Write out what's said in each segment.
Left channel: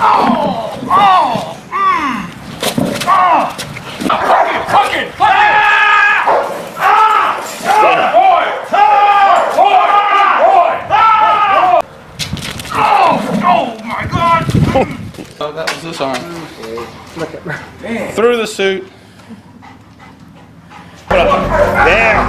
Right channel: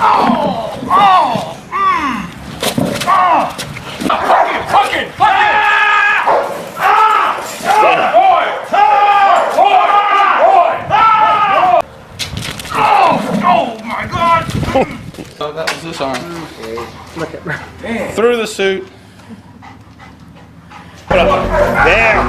Oh, that was this arm. Through the suit. There.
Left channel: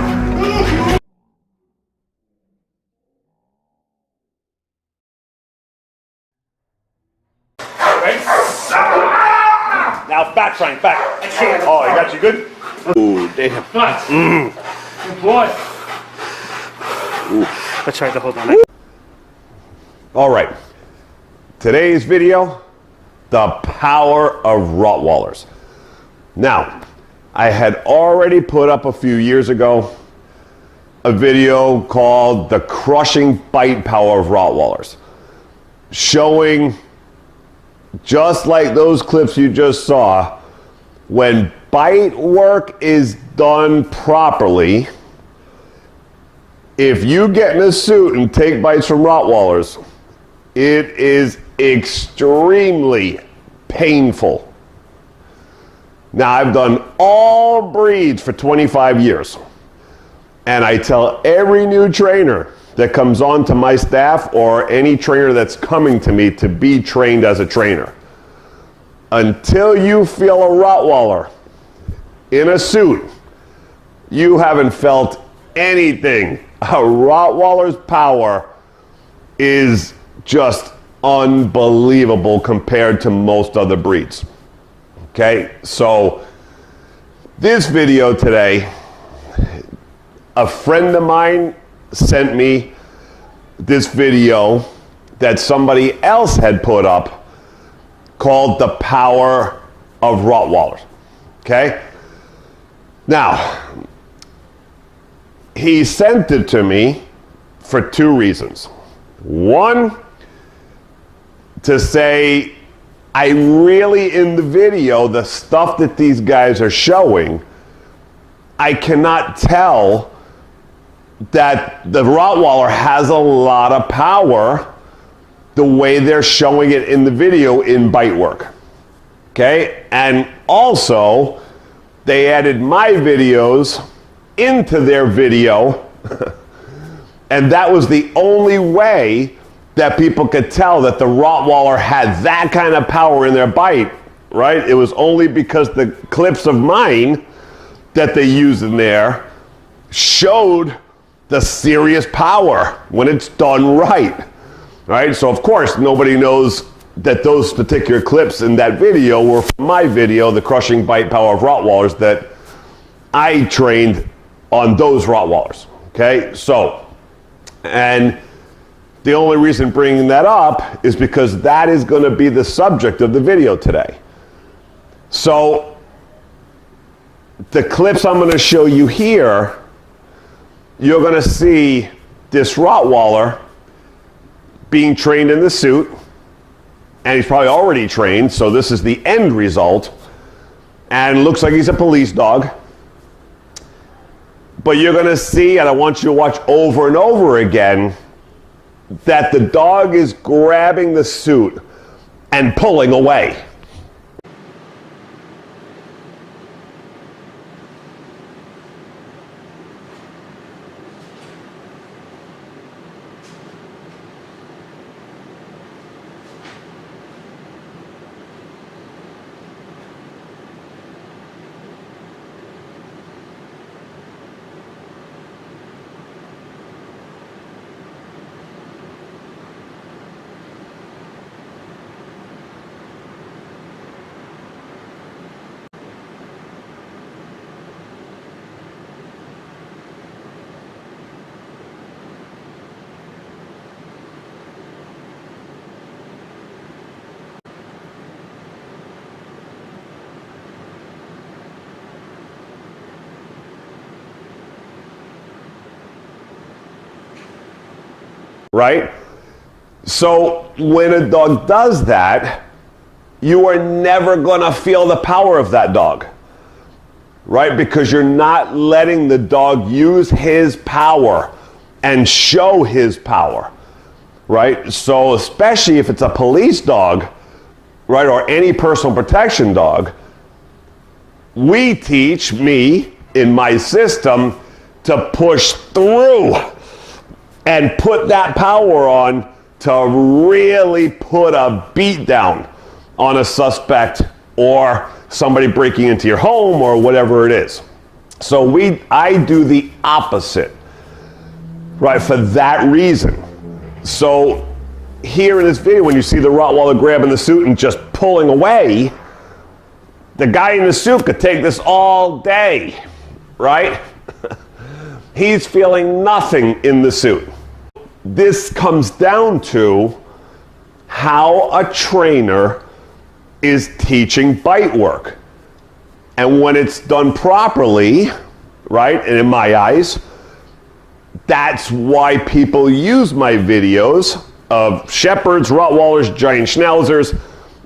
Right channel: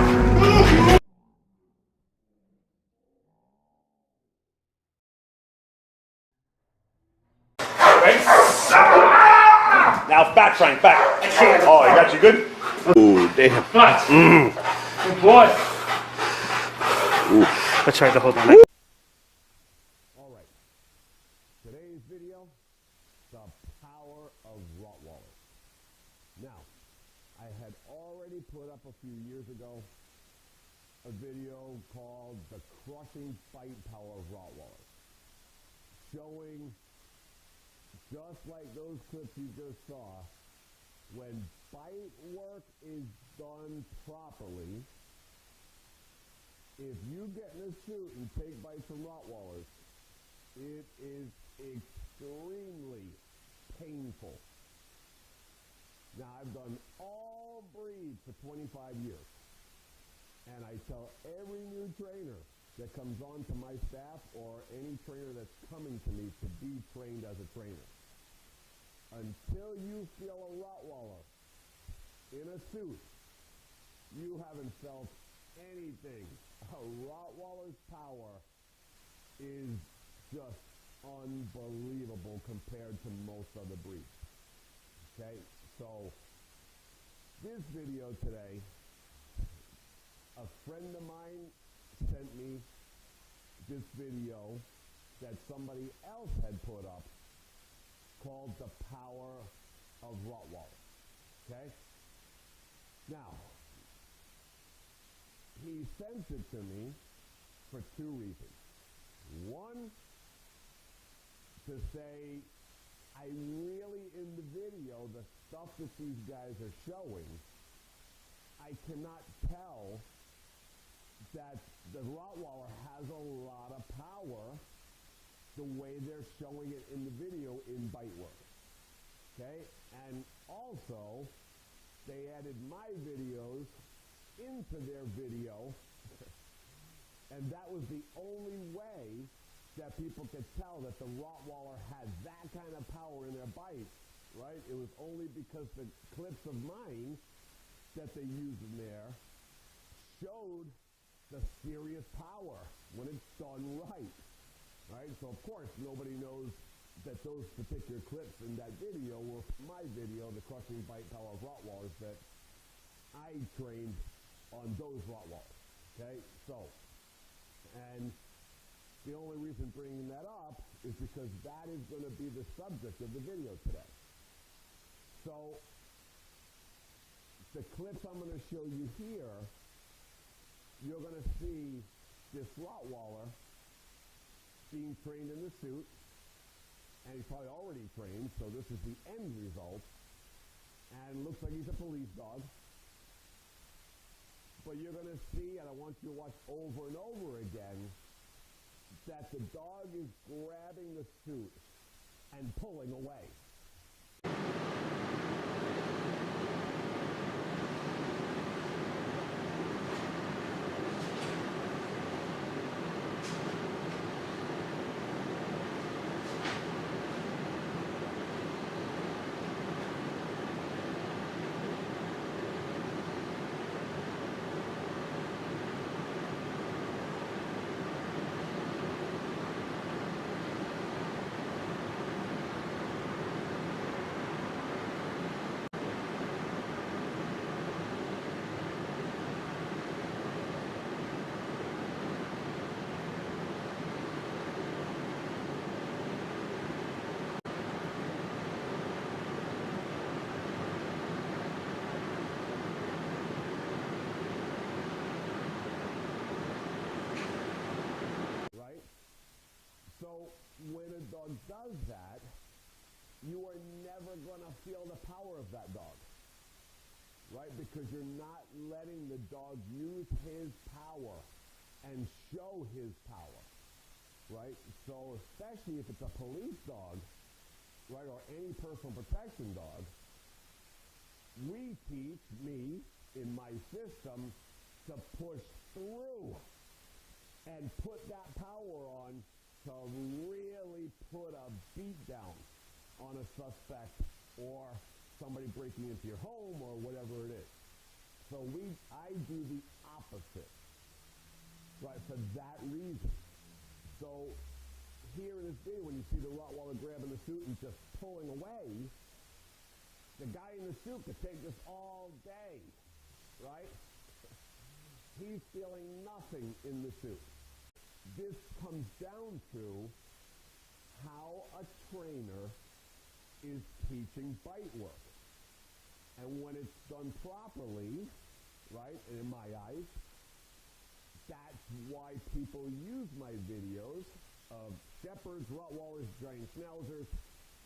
Now back, Frank, back. Oh, he got you good? Ooh, damn. Good boy. Let's try to hold on. All right. Today's video, the power of Rottweilers. Now, I had already put up a few years ago a video called The Crushing Bite Power of Rottweilers, showing, just like those clips you just saw, when bite work is done properly, if you get in a suit and take bites from Rottweilers, it is extremely painful. Now, I've done all breeds for 25 years, and I tell every new trainer that comes on to my staff or any trainer that's coming to me to be trained as a trainer, until you feel a Rottweiler in a suit, you haven't felt anything. A Rottweiler's power is just unbelievable compared to most other breeds. Okay, so this video today, a friend of mine sent me this video that somebody else had put up called The Power of Rottweilers. Okay, now he sent it to me for two reasons. One, to say, I really, in the video, the stuff that these guys are showing, I cannot tell that the Rottweiler has a lot of power the way they're showing it in the video in bite work. Okay? And also, they added my videos into their video, and that was the only way that people could tell that the Rottweiler had that kind of power in their bite, right? It was only because the clips of mine that they used in there showed the serious power when it's done right, right? So of course, nobody knows that those particular clips in that video were from my video, The Crushing Bite Power of Rottweilers, that I trained on those Rottweilers, okay? So, and the only reason bringing that up is because that is going to be the subject of the video today. So the clips I'm going to show you here, you're going to see this Rottweiler being trained in the suit, and he's probably already trained, so this is the end result, and looks like he's a police dog. But you're going to see, and I want you to watch over and over again, that the dog is grabbing the suit and pulling away. Right? So when a dog does that, you are never going to feel the power of that dog, right? Because you're not letting the dog use his power and show his power, right? So especially if it's a police dog, right, or any personal protection dog, we teach me in my system to push through and put that power on to really put a beat down on a suspect or somebody breaking into your home or whatever it is. So I do the opposite, right, for that reason. So here in this video, when you see the Rottweiler grabbing the suit and just pulling away, the guy in the suit could take this all day, right? He's feeling nothing in the suit. This comes down to how a trainer is teaching bite work. And when it's done properly, right, and in my eyes, that's why people use my videos of Shepherds, Rottweilers, Giant Schnauzers.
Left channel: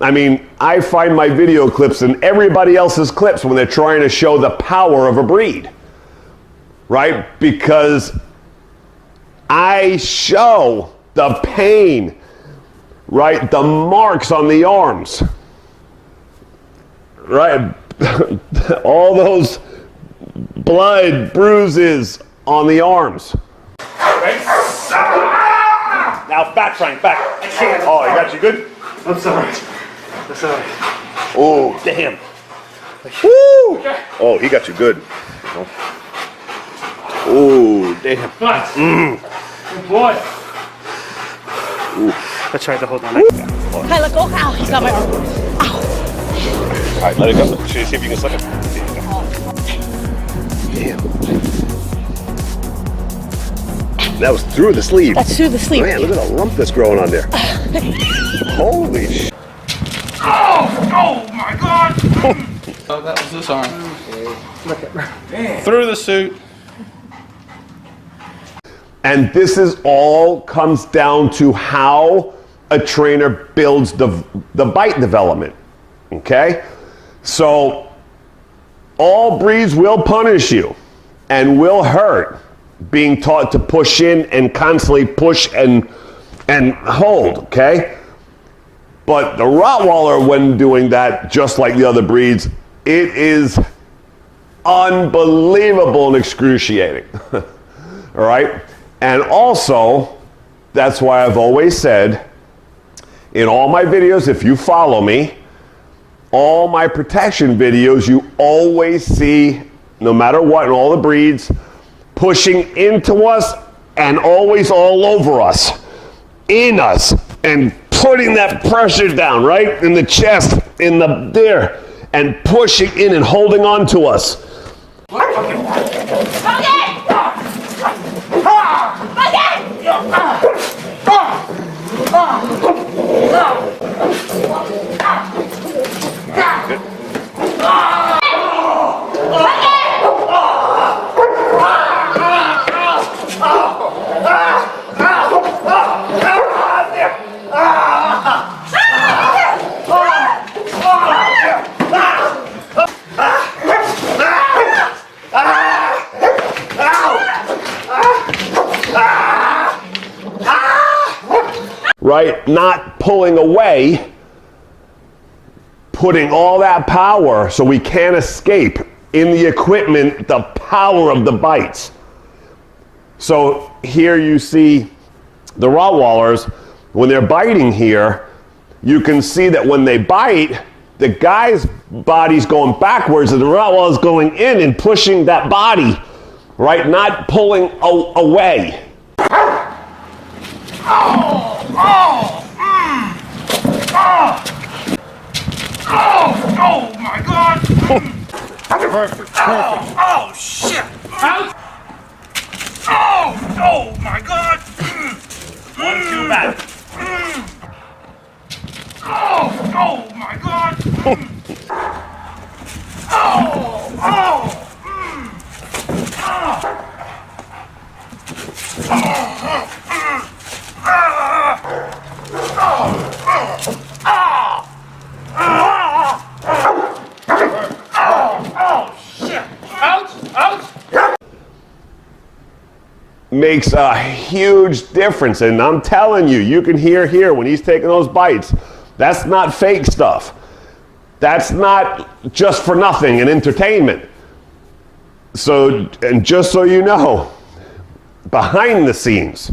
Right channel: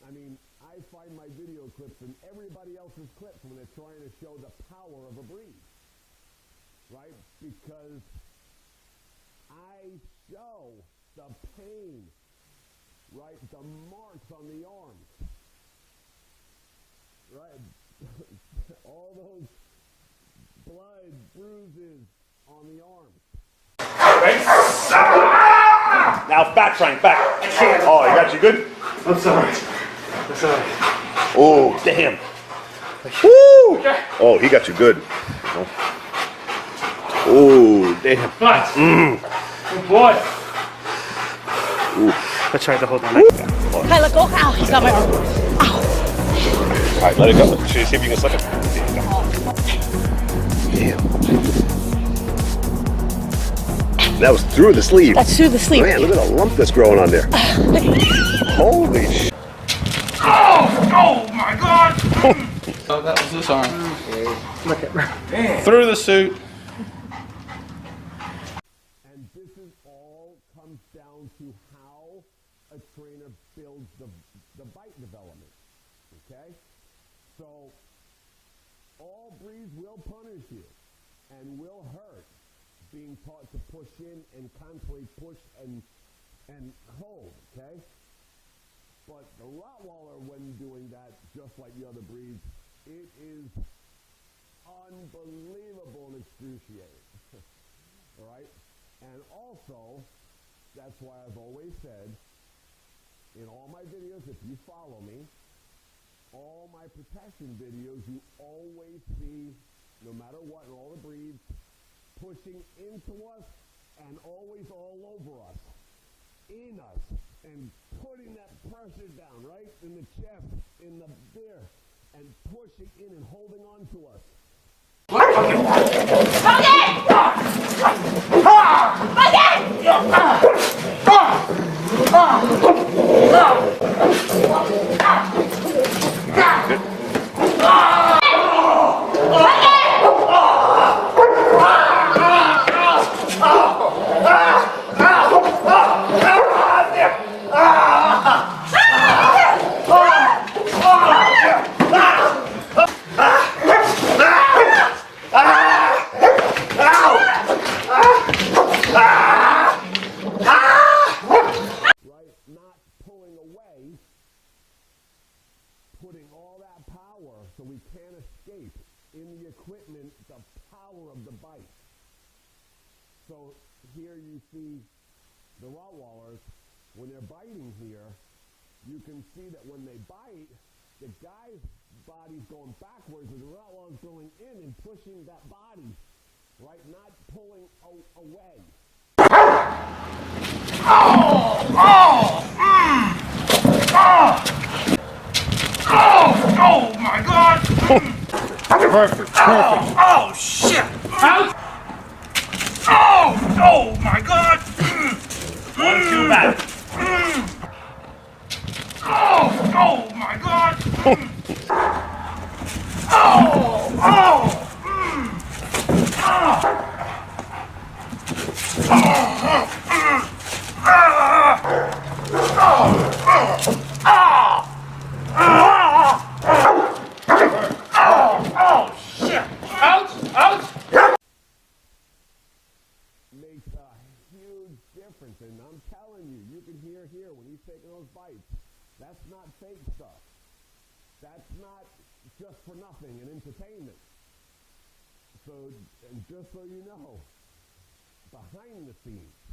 I mean, I find my video clips in everybody else's clips when they're trying to show the power of a breed, right? Because I show the pain, right? The marks on the arms, right? All those blood bruises on the arms. Right? Now back, Frank, back. Oh, you got you good? I'm sorry. I'm sorry. Oh, damn. Woo! Oh, he got you good. Oh, damn. But, good boy. I tried to hold on. Let go. Ow, he's got my arm. Ow. All right, let it go. See if you can slip it. Damn. That was through the sleeve. That's through the sleeve. Man, look at the lump that's growing on there. Holy shit. Oh my God! Oh, that was this arm. Look at through the suit. And this is all comes down to how a trainer builds the bite development, okay? So all breeds will punish you and will hurt being taught to push in and constantly push and hold, okay? But the Rottweiler, when doing that, just like the other breeds, it is unbelievable and excruciating, all right? And also, that's why I've always said, in all my videos, if you follow me, all my protection videos, you always see, no matter what, in all the breeds, pushing into us and always all over us, in us, and putting that pressure down, right? In the chest, in the there, and pushing in and holding on to us. Right? Not pulling away, putting all that power so we can't escape in the equipment, the power of the bites. So here you see the Rottweilers, when they're biting here, you can see that when they bite, the guy's body's going backwards and the Rottweiler's going in and pushing that body, right? Not pulling away. Oh my God! Perfect. Oh shit! Out! Oh my God! 1, 2, back. Oh my God! Makes a huge difference, and I'm telling you, you can hear here when he's taking those bites, That's not fake stuff. That's not just for nothing and entertainment. So, and just so you know, behind the scenes,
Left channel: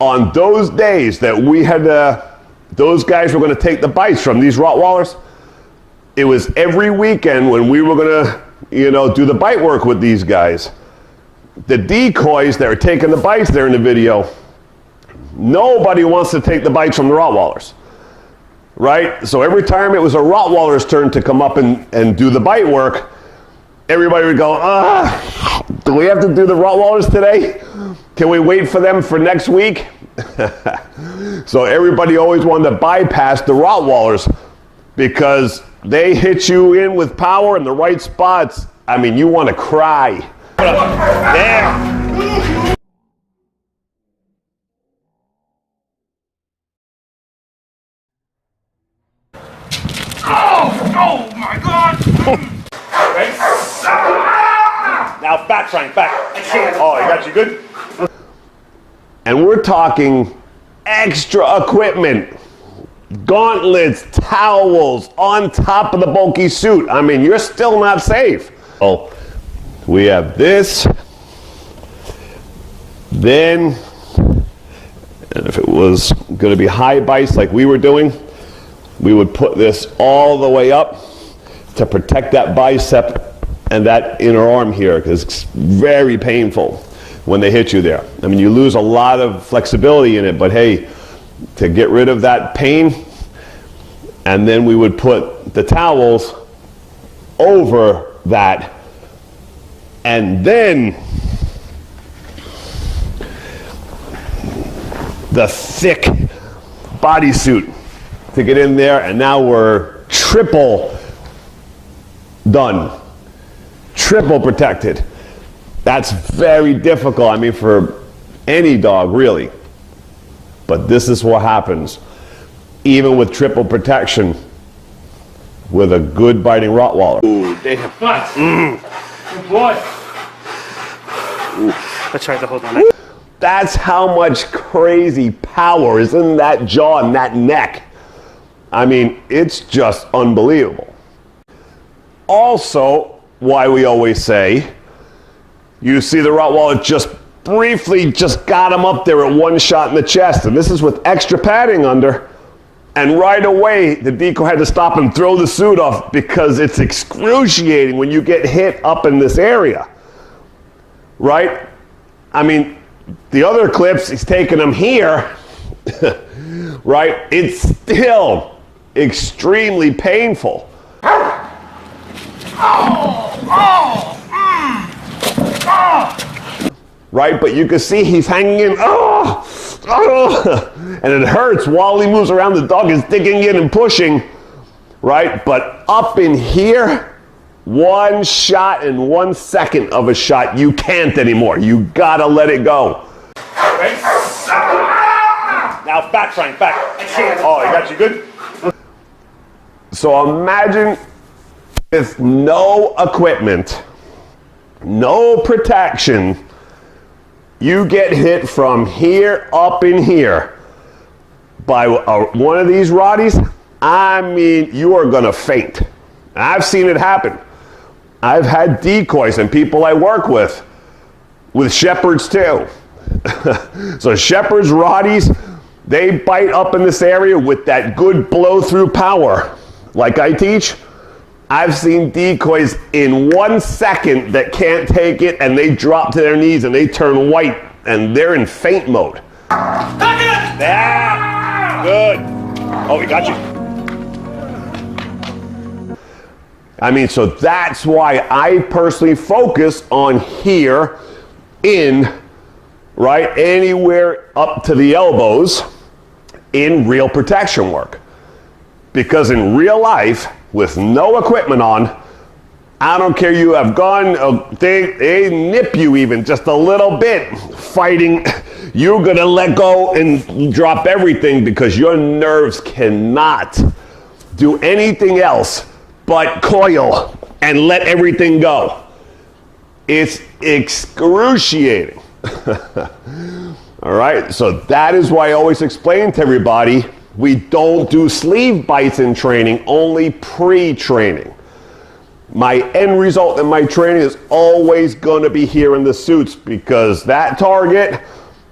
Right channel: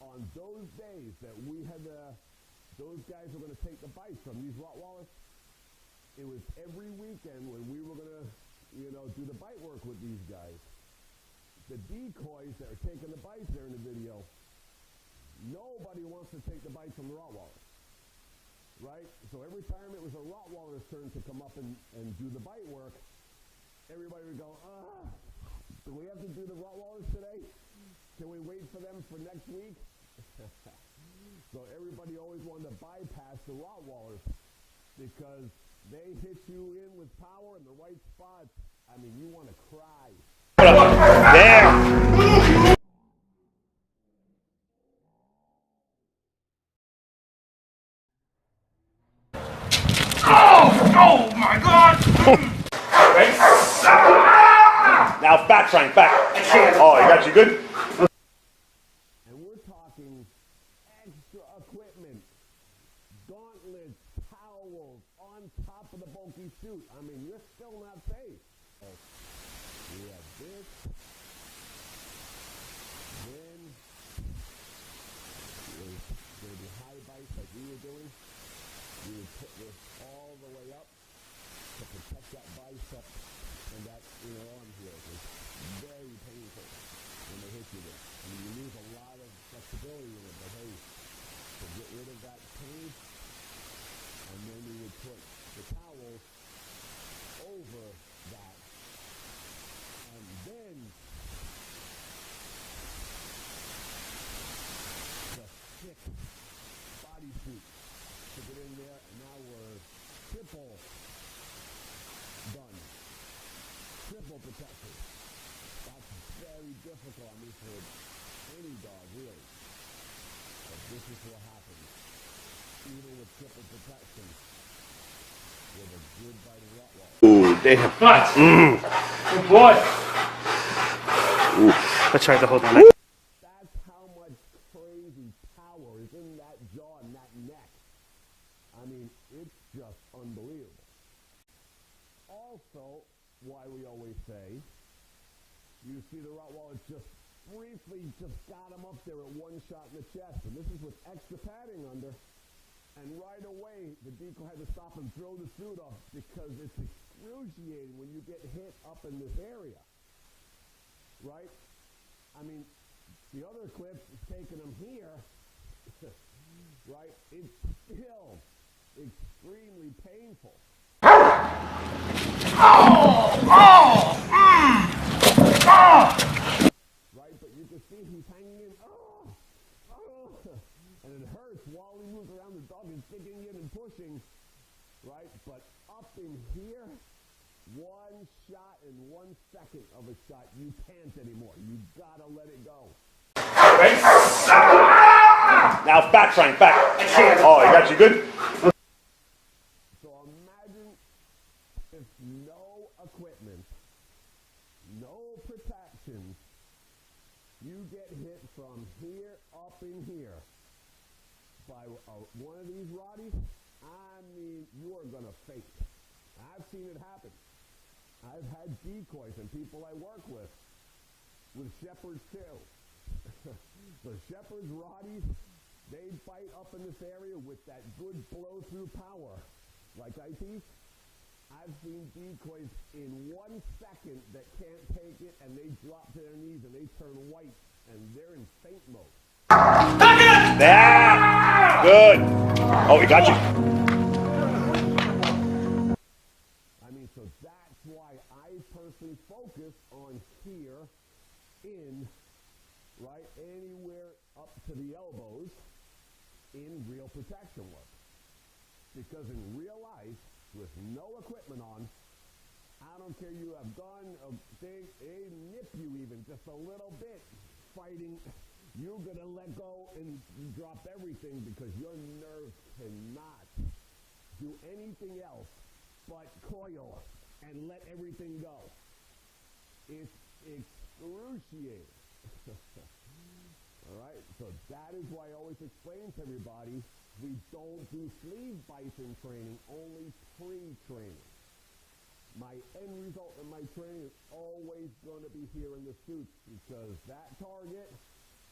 on those days that we had, those guys were going to take the bites from these Rottweilers, it was every weekend when we were going to, you know, do the bite work with these guys. The decoys that were taking the bites there in the video, nobody wants to take the bites from the Rottweilers, right? So every time it was a Rottweiler's turn to come up and do the bite work, everybody would go, do we have to do the Rottweilers today? Can we wait for them for next week? So everybody always wanted to bypass the Rottweilers because they hit you in with power in the right spots. I mean, you want to cry. There. Oh my God! Right? Now back, Frank, back. Oh, you got you good? And we're talking extra equipment, gauntlets, towels, on top of the bulky suit. I mean, you're still not safe. Oh, we have this, then, and if it was going to be high bites like we were doing, we would put this all the way up to protect that bicep and that inner arm here, because it's very painful when they hit you there. I mean, you lose a lot of flexibility in it, but hey, to get rid of that pain, and then we would put the towels over that, and then the thick bodysuit to get in there, and now we're triple done, triple protected. That's very difficult, I mean, for any dog, really. But this is what happens, even with triple protection, with a good biting Rottweiler. Ooh, damn. Good boy. Let's try to hold on. That's how much crazy power is in that jaw and that neck. I mean, it's just unbelievable. Also, why we always say, you see the Rottweiler just briefly just got him up there at one shot in the chest, and this is with extra padding under, and right away the decoy had to stop and throw the suit off because it's excruciating when you get hit up in this area, right? I mean, the other clips, he's taking them here, right? It's still extremely painful. Right, but you can see he's hanging in, and it hurts while he moves around. The dog is digging in and pushing, right? But up in here, one shot and 1 second of a shot, you can't anymore. You gotta let it go. Right? Now back, Frank, back. Oh, you got you good? So imagine with no equipment, no protection, you get hit from here up in here by one of these Rotties, I mean, you are gonna faint. I've seen it happen. I've had decoys and people I work with shepherds too. So shepherds, Rotties, they bite up in this area with that good blow through power. Like I teach, I've seen decoys in 1 second that can't take it, and they drop to their knees and they turn white and they're in faint mode. Yeah. Good. Oh, we got you. I mean, so that's why I personally focus on here in, right, anywhere up to the elbows in real protection work. Because in real life, with no equipment on, I don't care, you have gone, they nip you even just a little bit fighting, you're gonna let go and drop everything because your nerves cannot do anything else but coil and let everything go. It's excruciating. All right, so that is why I always explain to everybody, We don't do sleeve bites in training, only pre-training. My end result in my training is always going to be here in the suits, because that target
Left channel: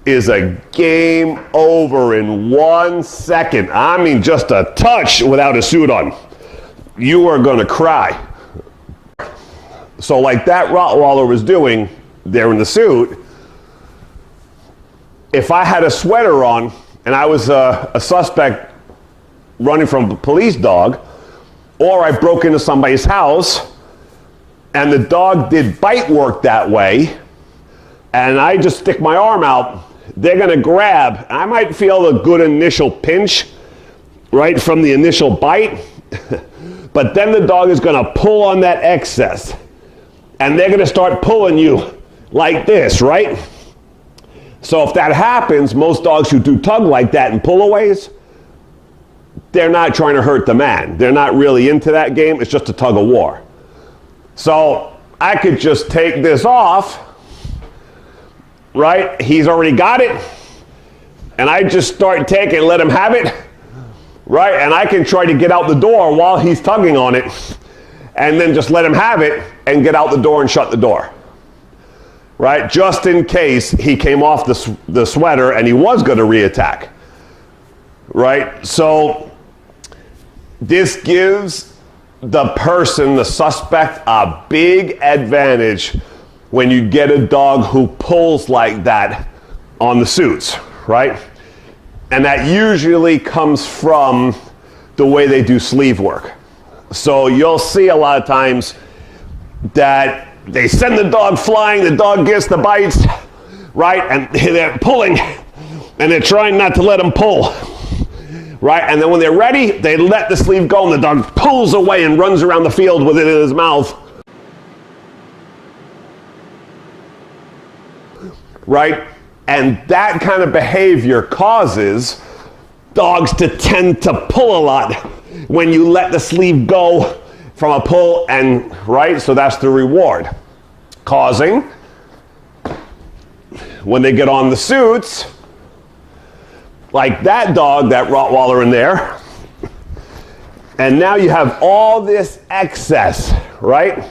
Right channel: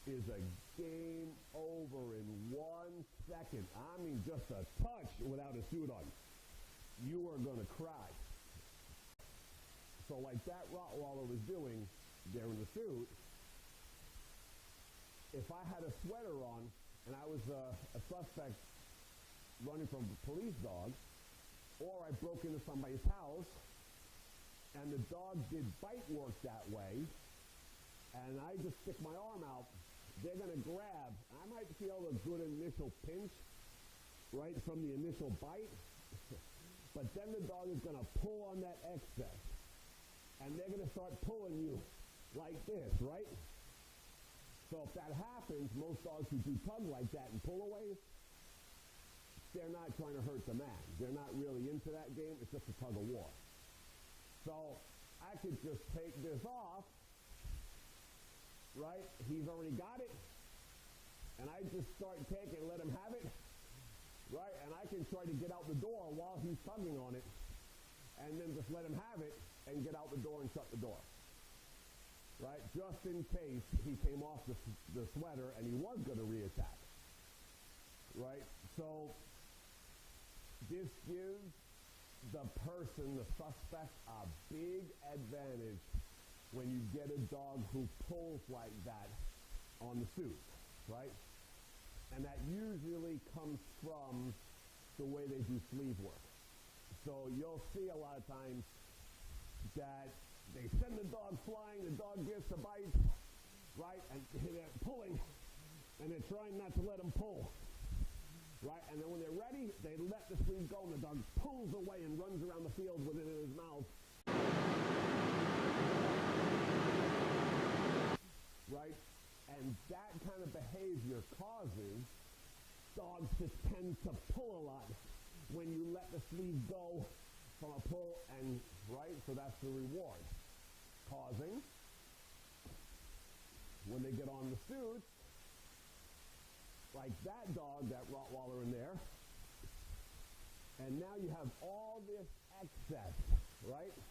is a game over in 1 second. I mean, just a touch without a suit on. You are going to cry. So like that Rottweiler was doing there in the suit, if I had a sweater on and I was a suspect running from a police dog, or I broke into somebody's house and the dog did bite work that way, and I just stick my arm out, they're gonna grab. I might feel a good initial pinch, right, from the initial bite, but then the dog is gonna pull on that excess, and they're gonna start pulling you like this, right? So if that happens, most dogs who do tug like that and pullaways, they're not trying to hurt the man. They're not really into that game. It's just a tug of war. So I could just take this off, right? He's already got it. And I just start taking, let him have it, right? And I can try to get out the door while he's tugging on it, and then just let him have it and get out the door and shut the door. Right, just in case he came off the sweater and he was going to reattack. Right, so this gives the person, the suspect, a big advantage when you get a dog who pulls like that on the suits, right? And that usually comes from the way they do sleeve work. So you'll see a lot of times that they send the dog flying, the dog gets the bites, right? And they're pulling, and they're trying not to let them pull, right? And then when they're ready, they let the sleeve go, and the dog pulls away and runs around the field with it in his mouth, right? And that kind of behavior causes dogs to tend to pull a lot when you let the sleeve go from a pull, and right, so that's the reward. Causing, when they get on the suits, like that dog, that Rottweiler in there, and now you have all this excess, right?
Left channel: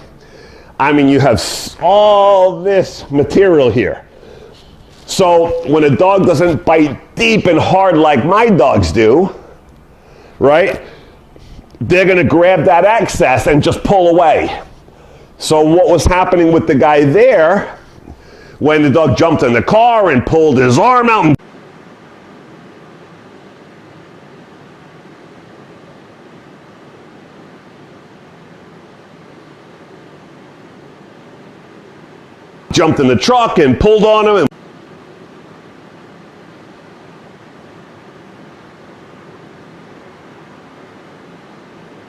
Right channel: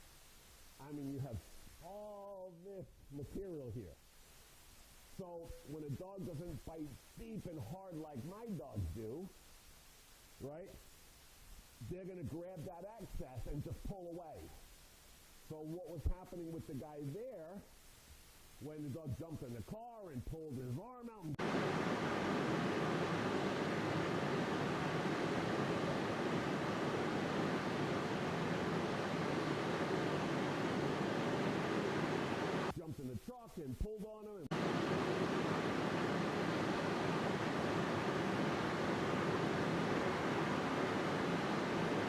I mean, you have all this material here. So when a dog doesn't bite deep and hard like my dogs do, right? They're gonna grab that excess and just pull away. So what was happening with the guy there, when the dog jumped in the car and pulled his arm out and jumped in the truck and pulled on him, and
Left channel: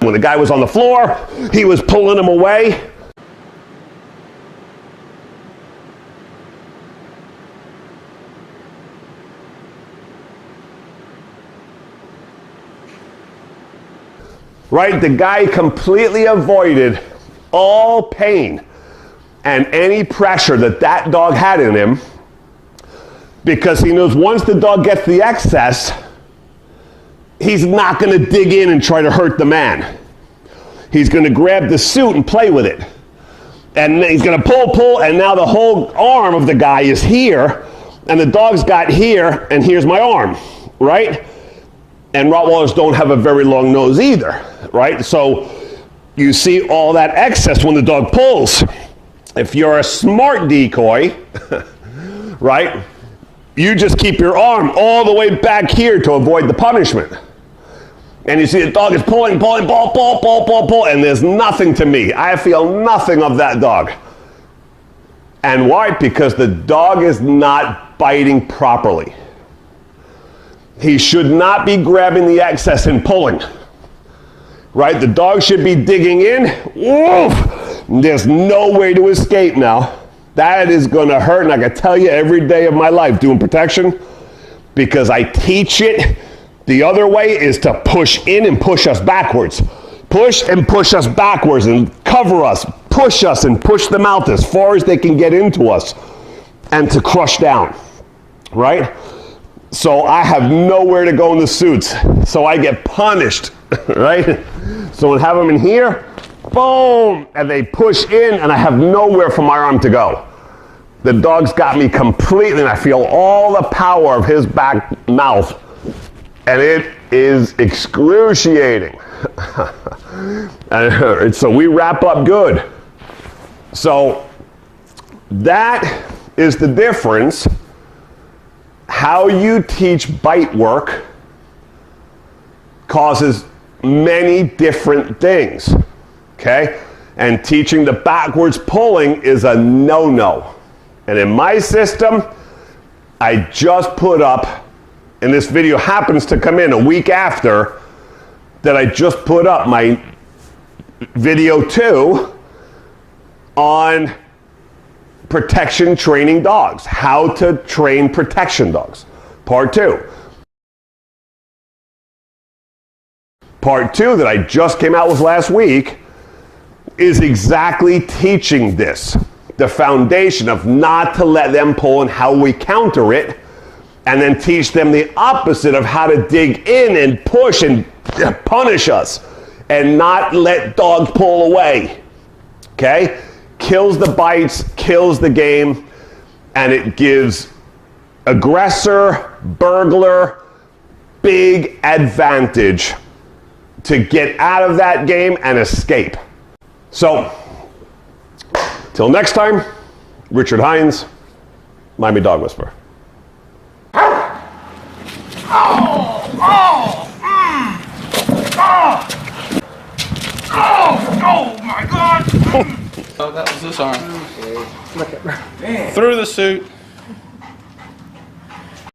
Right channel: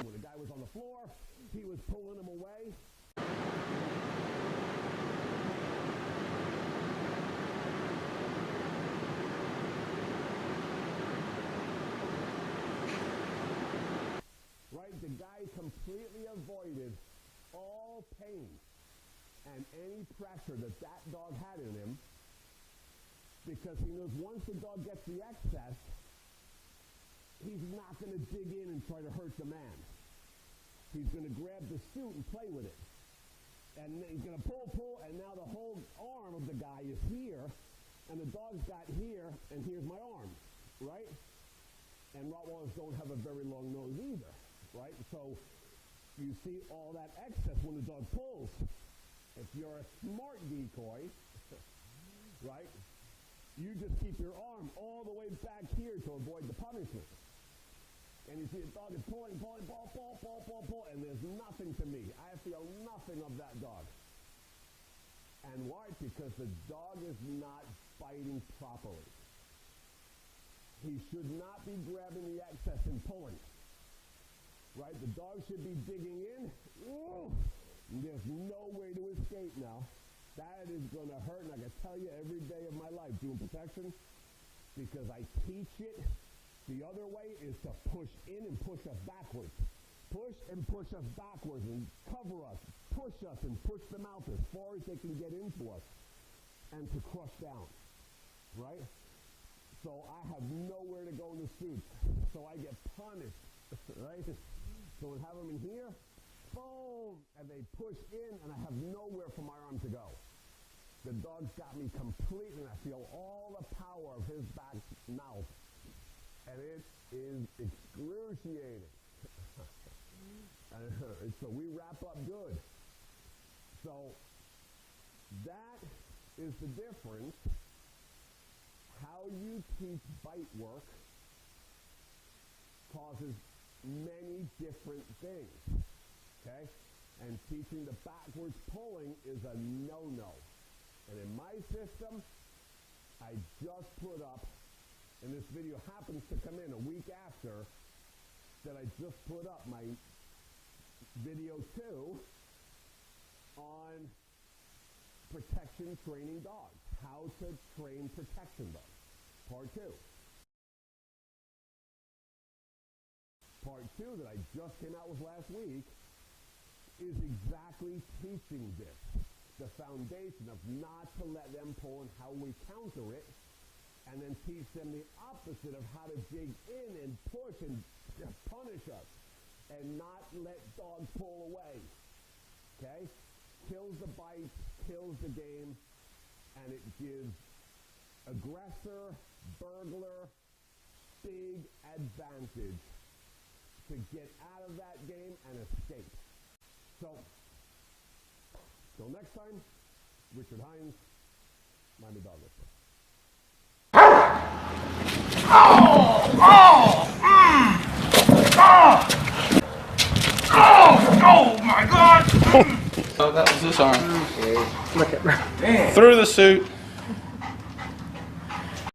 when the guy was on the floor, he was pulling him away. Right? The guy completely avoided all pain and any pressure that that dog had in him, because he knows once the dog gets the excess, he's not going to dig in and try to hurt the man. He's going to grab the suit and play with it. And he's going to pull, and now the whole arm of the guy is here, and the dog's got here, and here's my arm, right? And Rottweilers don't have a very long nose either, right? So you see all that excess when the dog pulls. If you're a smart decoy, right, you just keep your arm all the way back here to avoid the punishment. And you see the dog is pulling, pull, and there's nothing to me. I feel nothing of that dog. And why? Because the dog is not biting properly. He should not be grabbing the excess and pulling. Right? The dog should be digging in. Woof! There's no way to escape now. That is going to hurt, and I can tell you every day of my life doing protection, because I teach it. The other way is to push in and push us backwards. Push and push us backwards and cover us, push us and push them out as far as they can get into us, and to crush down, right? So I have nowhere to go in the suits. So I get punished, right? So I have them in here, boom, and they push in, and I have nowhere for my arm to go. The dog's got me completely, and I feel all the power of his back mouth, and it is excruciating. And so we wrap up good. So that is the difference. How you teach bite work causes many different things, okay? And teaching the backwards pulling is a no-no. And in my system, I just put up, and this video happens to come in a week after that I just put up my video 2 on protection training dogs, how to train protection dogs, part 2. Part 2 that I just came out with last week is exactly teaching this, the foundation of not to let them pull and how we counter it, and then teach them the opposite of how to dig in and push and punish us and not let dogs pull away, okay? Kills the bites, kills the game, and it gives aggressor, burglar, big advantage to get out of that game and escape. So, till next time, Richard Hines, Miami Dog Whisperer. Oh my God! Oh, that was this arm. Look at Through the suit.